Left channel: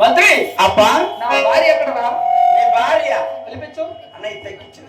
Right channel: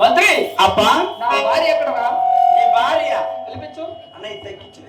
మంత్రి! అబ్బా! నా భార్య ఎక్కడరా? నీ భార్య! పిలిపించు. అన్నయ్య తగ్గించిన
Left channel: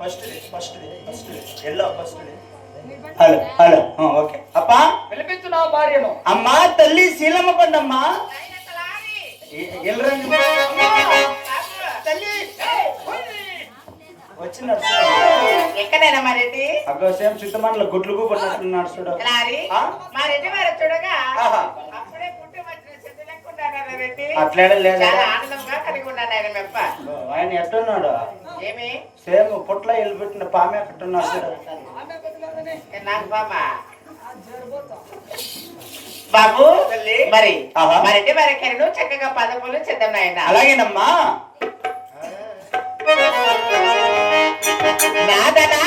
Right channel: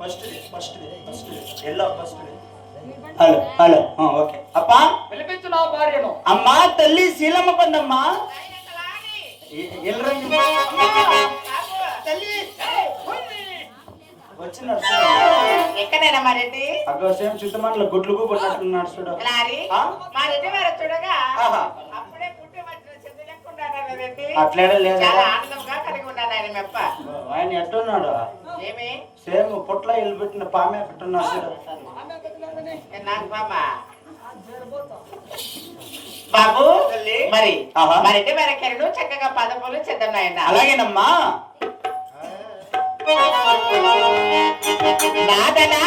first first first yellow first hello hello. Okay. అప్పా పిలిపించు నా భార్యను. అమ్మా తల్లి శీలమ్మ పండమ్మా. ఎల్లరండి తల్లి! వచ్చినాడు ఎక్కడైనా మా రెడ్డి? అక్కడ సేమ్ చింతమణిలో గుడ్లు పట్టినట్టున్నాడు చూడు. లారీ ఆ? మా రెడ్డి వారు చూడగా. అప్పుడే పుట్టి వచ్చిన చెట్టు రెడ్డి? అట్లేడే లేదా? చాలా ఆనందంగా కలిగి ఉన్నాడు ఆయన మెప్ప. ఆయన ఎట్టున్నాడు? ఏమి? సేమ్ పుట్ల ఇల్లు పెట్టిన పామె ఎక్కడున్నాడు నాకు జరబోతా బాబు. మరి ఆహా. మా రెడ్డి వారి కెరడు చక్కగా పదపులు చేద్దాం నాయన అలాగేనమ్మా. nada, nada.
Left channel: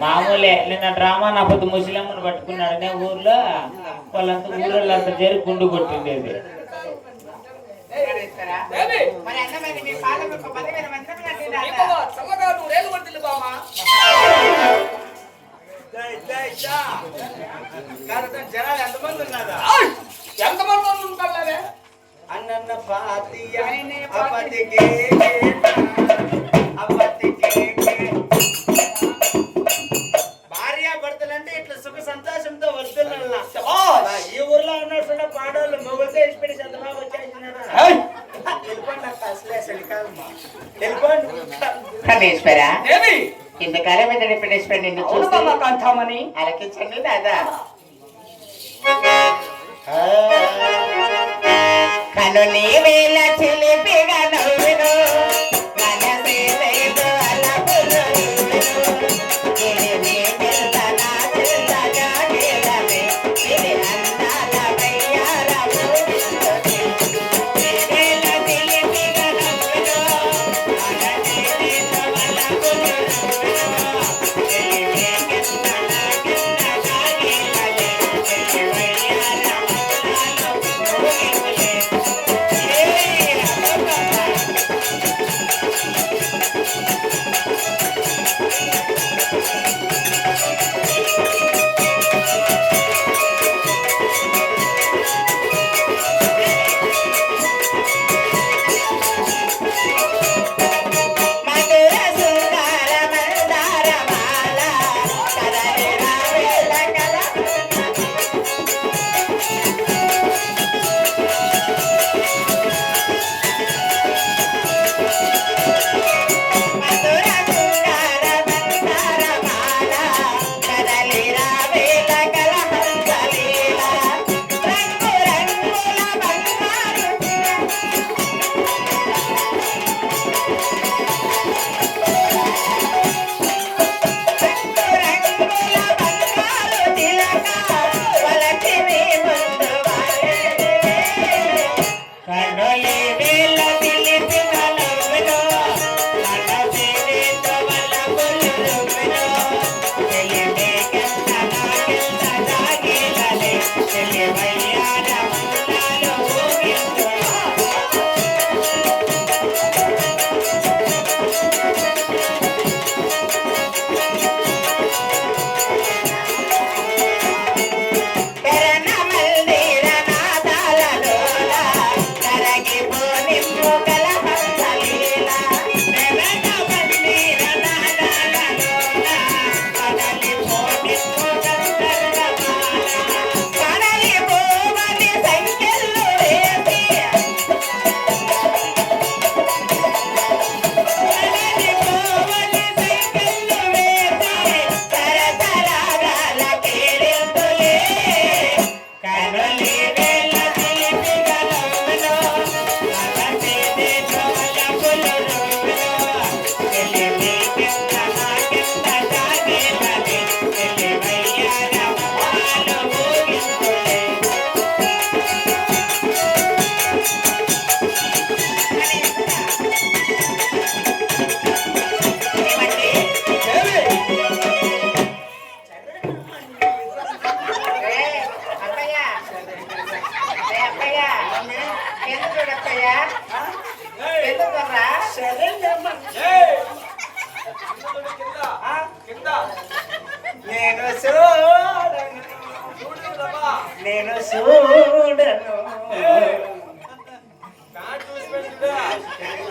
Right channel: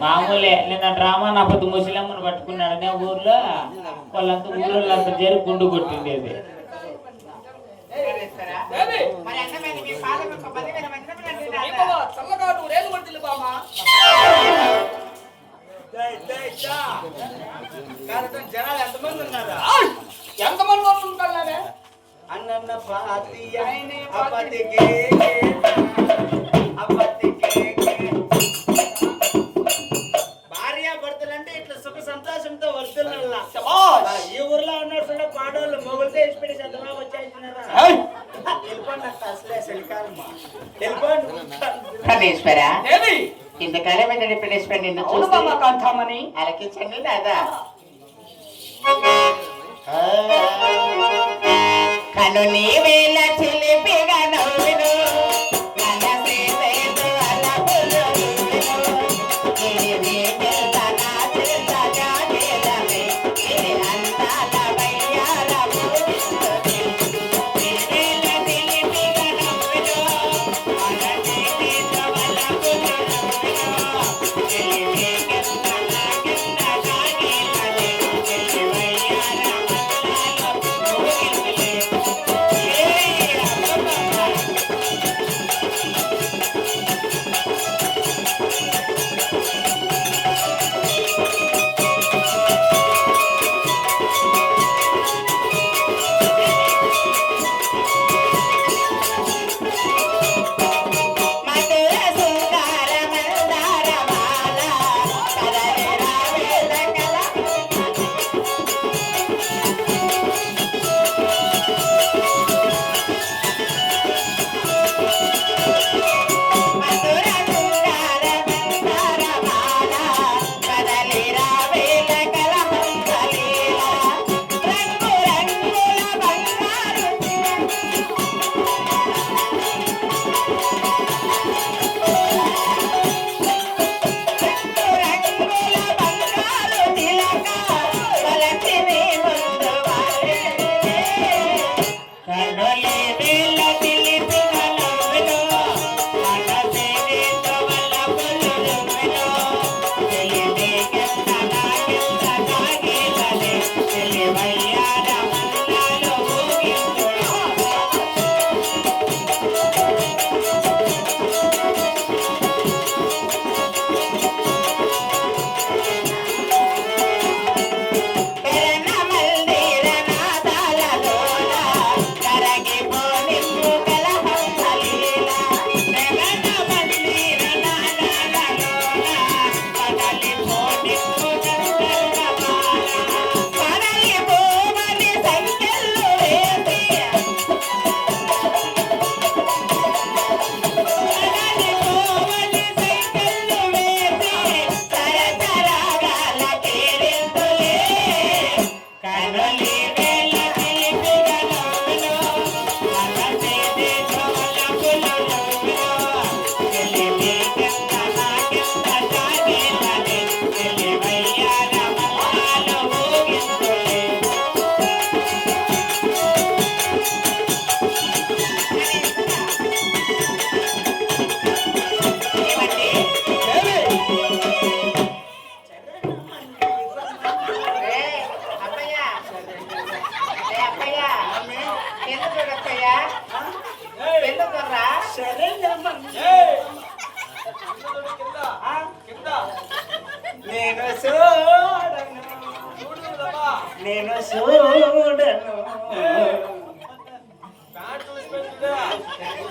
మామూలే నిన్న డ్రామా నా పొద్దు ముసలమ్మను పట్టుకున్నాడనే ఊర్లో వాళ్ళంతా ఊళ్ళో అంతా చేరి గుండు కొట్టిండేది జనాలు ఎంతమంది ఉన్నారా? ఎంతమంది అన్నన్న పాతియ అపతికే అపతికే భార్య భర్తలంటే ఇట్లా సుఖ సంతోషంతో వర్తున్నా ఈ ఊర్లో ఉన్నట్టు పాడోళ్ళు మొగులతో ఇచ్చిపెట్టి సంతలా వచ్చేసినారా? వెళ్ళిపోండి అక్క అసలే చలికాలమ్మా వెళ్ళిపోండి. పరమేశ్వర దేవి ఇంతకాలం మీద పరమేశ్వర నిన్ను అవును బాబా చూసి కాంతామణి అలకించండి దాదా కను నీ వేళ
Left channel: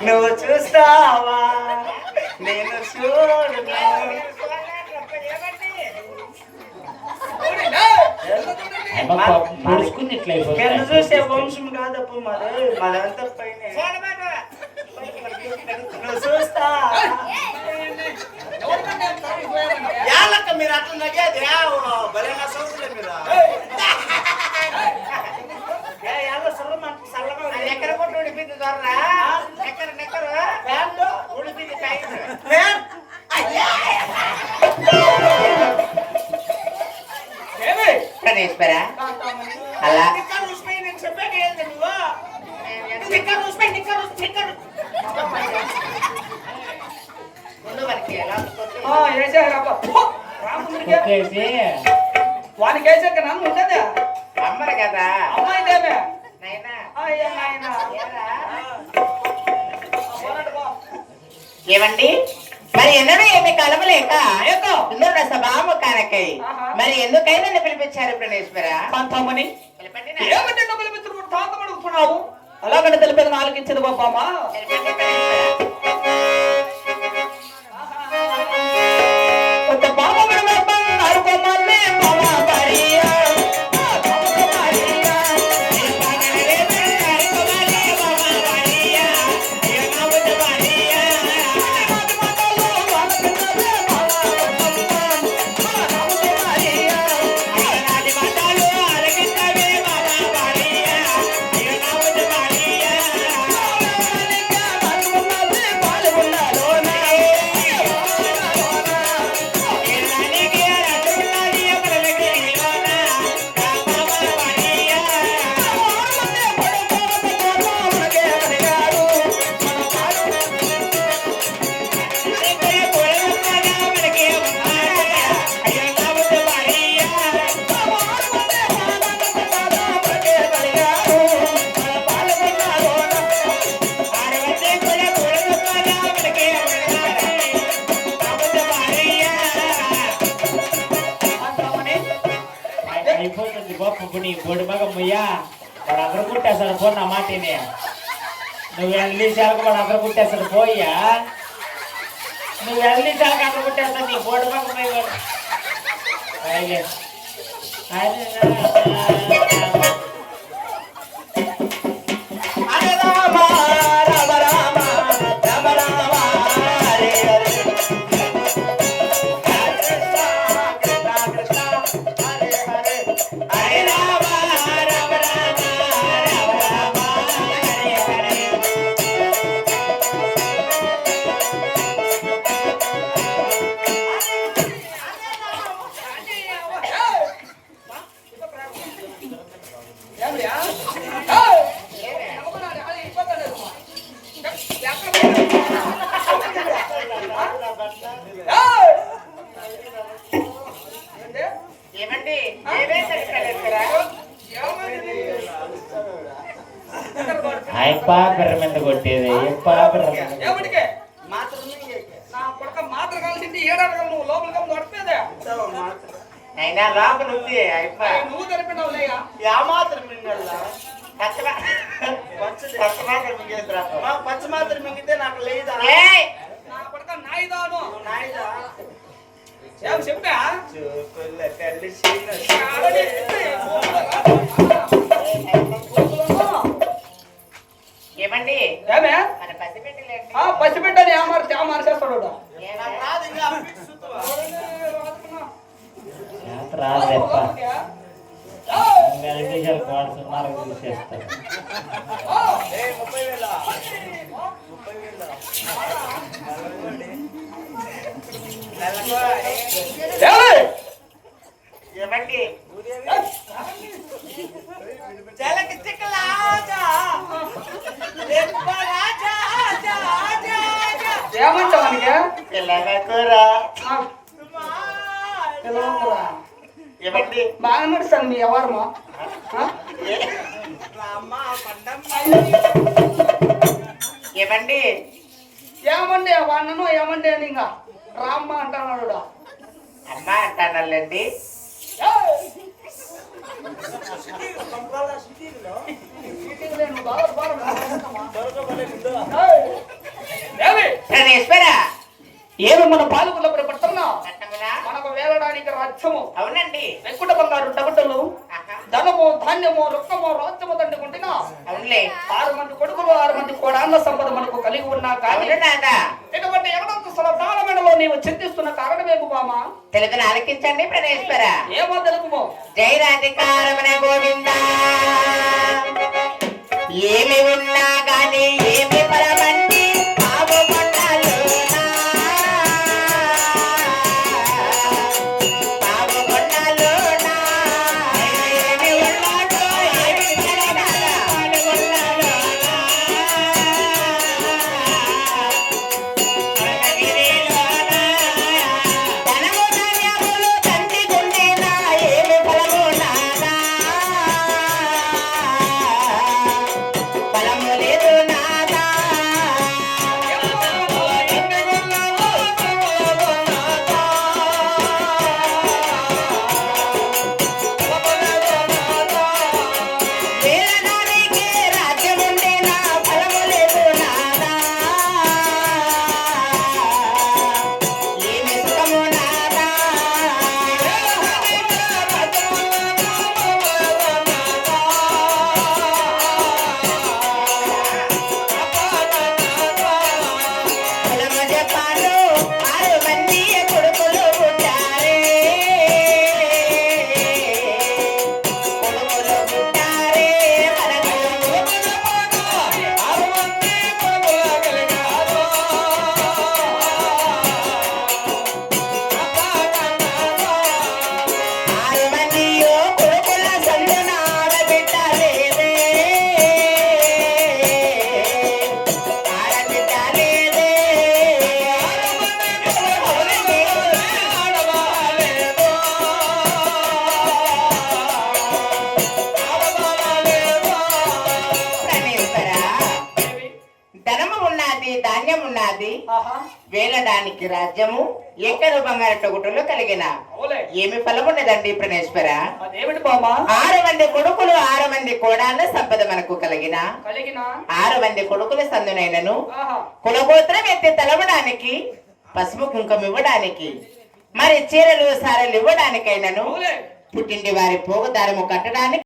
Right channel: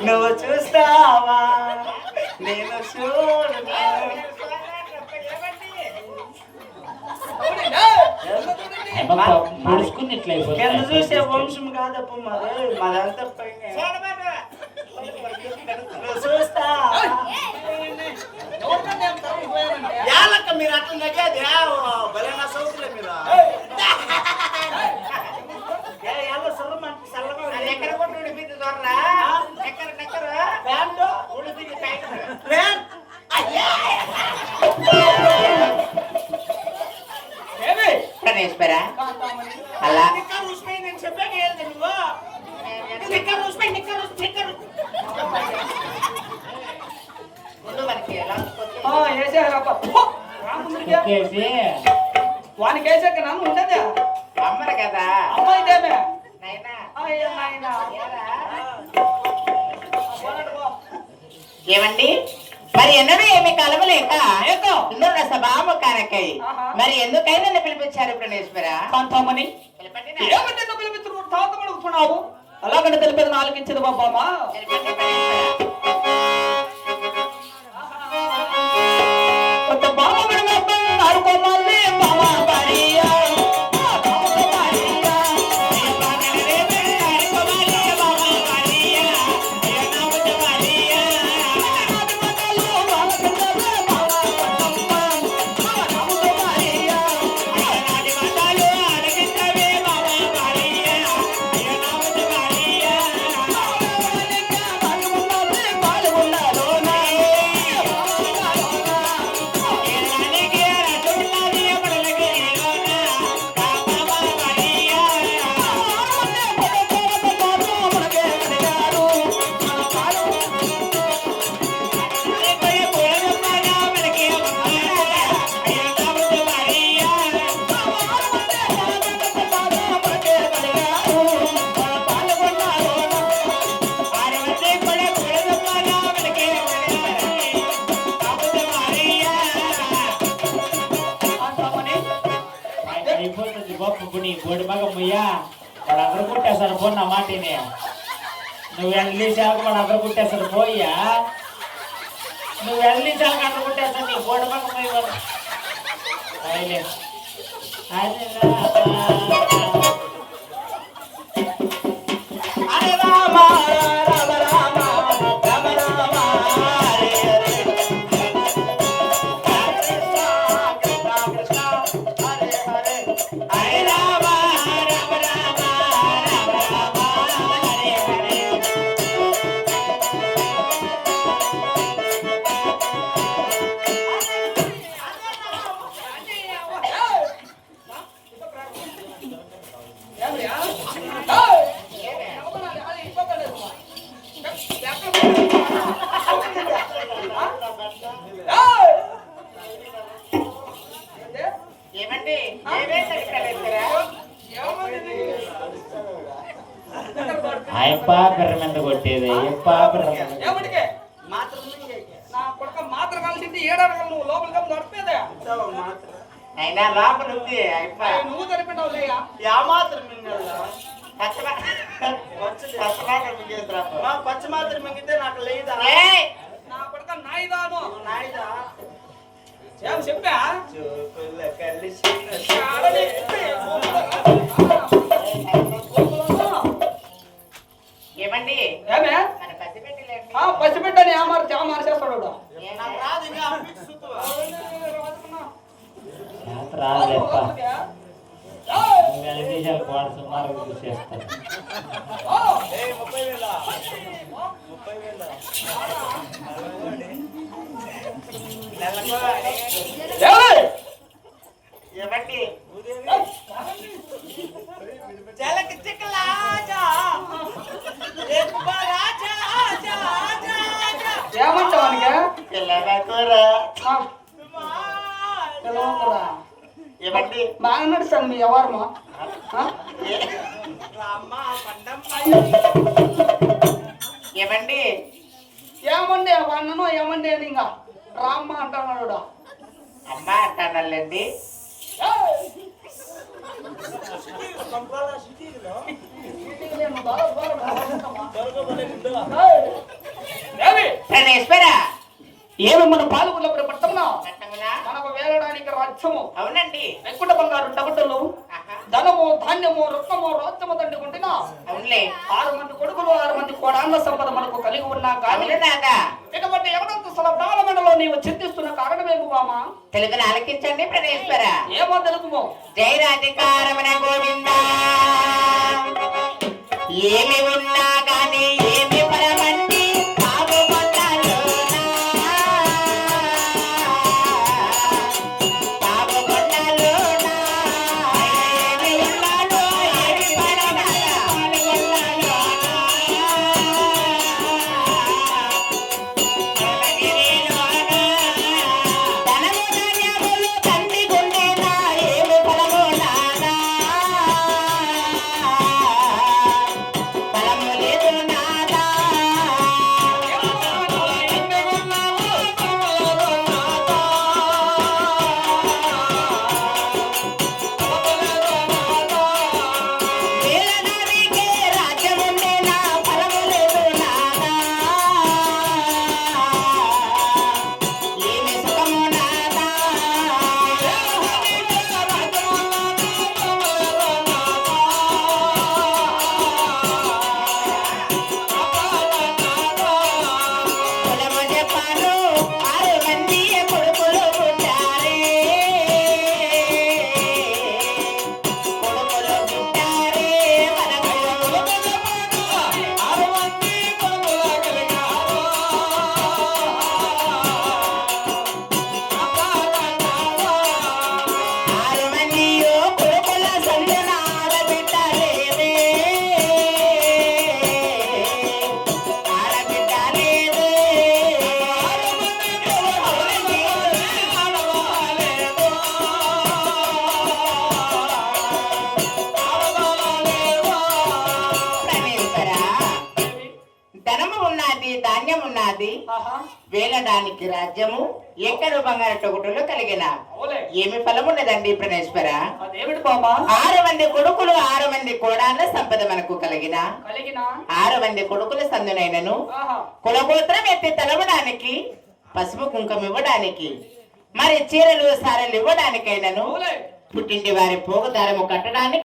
నువ్వు చూస్తావా? నేను ఇట్లా కింద చూసే వంశం కాదప్ప మరి? మదంతా పైన? యాలక్క మీరు అట్లా నగేది? బలేనా సౌతులే మీరు. తొక్కేసి వానికి వేసాక నన్ను ఉండేదే అమ్మరు కదా. అమ్మాయిదేమే. ఏమండి? మరి ఎన్నడూ ఏమి కలవలేక. ఇందులో ఆహా. మరి ఎందుకై నన్ను పిలిపించారు ప్రణేశ్వర? కాంతామణి పిలపండి నా- ఏమంటే అలాగంటే తెలిపేది నాలుగించదు బాబమ్మా ముయ్యా వాడు అందరూ కుట్టేస్తాడు పో నా మాటిని. నువ్వు వెళ్ళేసాక వాడు అందరూ కుట్టేస్తాడు పోయ్యా నువ్వు వెళ్ళేసాక అందరూ కుట్టేస్తాడు నీ బోర్డు పక్క పోయి వాడు. పైలే అదే అయ్యప్ప బిర్ర మీద కొట్టేది బిర్ర ఏమిటికే? మాత్రం నీకే. నా కొడుక మాత్ర కలిసింది ఏడాడగల నువ్వు లోపలికి నడిపేదే? అయినా లోపల ఉంది అయిపోయి. నువ్వు యా మాత్రం మింగల్లా? పచ్చి మాత్రం మింగితే నాకు లేదా? ఏయ్! నా కొడుక నాయిదాను. నాయుడా ఏం చెప్పా? చూపుల ఏమండి ఏమే మన పసిపెట్టలేండి ఆ పసిబిడ్డని ఏమారు ఏమారు చేస్తాడు వాడు. నాకు రాదు ఇంకా అమ్మికి సుత్తువా? చేత రాదు అయ్యప్ప లోపలికి. ఏయ్! నువ్వు వెళ్ళేసాక వాడు సుమారు చూసేస్తాడు ఓ! ఏయ్, ముప్పై వేల ముప్పై ఏయ్! ఇవ్వండి సుమా పిలవకురా. ఇవ్వండి బాగా నడుస్తాను మీ ఎవరమ్మా ఇవ్వండి ఏమండి వాడినను ఏమండి అని ఇంకా రామ్మ అంటున్నాడు అమ్మ అంటానండి ప్రణేశ్వర ఏమి మన పాలకుల? మనకు వేలడానికి రాజ్యము. అవునండి. వెంకుట బంగారు ఆహా. ధనము ధాన్యము రత్నము రాజ్యము దండుకుంటున్నా. అవునులే. ఆరు మంది కొడుకులు ఆరు మంది కోడాళ్ళ సంపద మనకు కలిగి ఉన్నా కానీ ఇటువంటి ఎవరంతస్తుల ప్రాణమెడలో నీవు చింతిస్తున్న కారణమేము బామా తెలుగును ఆలకించండి ప్రణేశ్వర. ఏమో తెలుపుమో జై రాధికారమణ గోవింద. ఏమి ఉన్నా గాని ధనము ఉన్నది ధాన్యం ఉన్నది వేలడానికి రాజ్యము ఎక్కడు బంగారు టొగుటలు కలిగిన. ఏమి ఫలమున్నదండి ప్రణేశ్వర? అదేమిటి బామా ఆరు మంది కొడుకులు ఆరు మంది కోడాళ్ళ సంపద మనకు కలిగిన. కలిగిన. ఆరు మంది కొడుకుల సందునైనను. కులగోత్రం ఎత్తి తలవడానికి పసుపు కుంకుమ ఇవ్వడానికి మరి చీరలు సారలు ఇవ్వడానికైనను. పుట్టింటి వారి పోగుదారము కట్టడానికి